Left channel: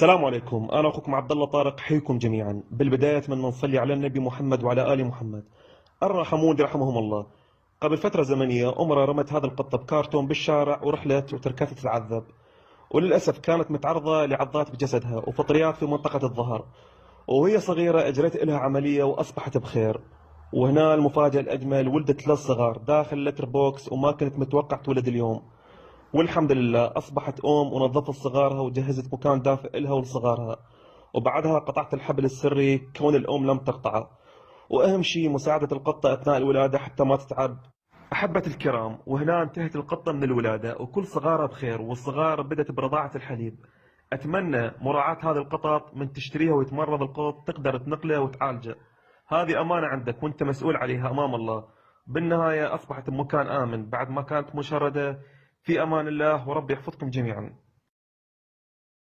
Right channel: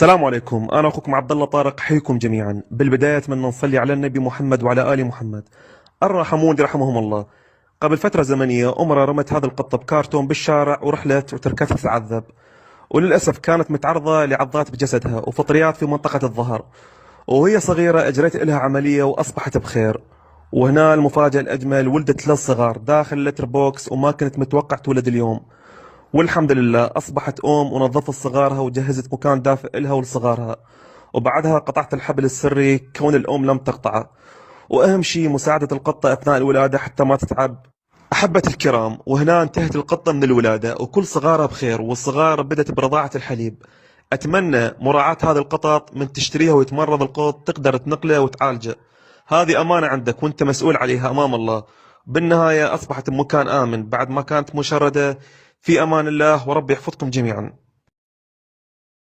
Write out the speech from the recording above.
السلام عليكم، أنا أخوكم عبد الله طارق، حيكم جميعا. بالبداية أتمنى نصلي على النبي محمد وعلى آل محمد. الراحمون يرحمهم الله. قبل فترة زمنية أمرا رمت هذا القطة بكارتون بالشارع ورحلت وتركتها تتعذب، وللأسف كانت متعرضة لعضات بجسدها وفطريات في منطقة الظهر. وهي صغيرة أجريت لها عملية وأصبحت بخير. وهنا المفاجأة الأجمل، ولدت ثلاث صغار داخل لتر بوكس وما كنت متوقع تولد اليوم. والحمد لله أصبحت أم ونظفت صغارها وجهزت مكان دافئ إلها ولصغارها. وبعدها قطعت الحبل السري كون الأم لم تقطعه. وأهم شيء مساعدة القطة أثناء الولادة حتى ما تتعب. أحبة الكرام، وهنا انتهت القطة من الولادة وكل صغارها بخير، والصغار بدأت برضاعة الحليب. أتمنى مراعاة هذه القطط، من تشتريها ويتمرض القط تقدر تنقله وتعالجه. هذه أمانة عندك وأنت مسؤول عليها أمام الله. بالنهاية أصبحت بمكان آمن بعد ما كانت مشردة. في أمان الله وربي يحفظكم جميعا.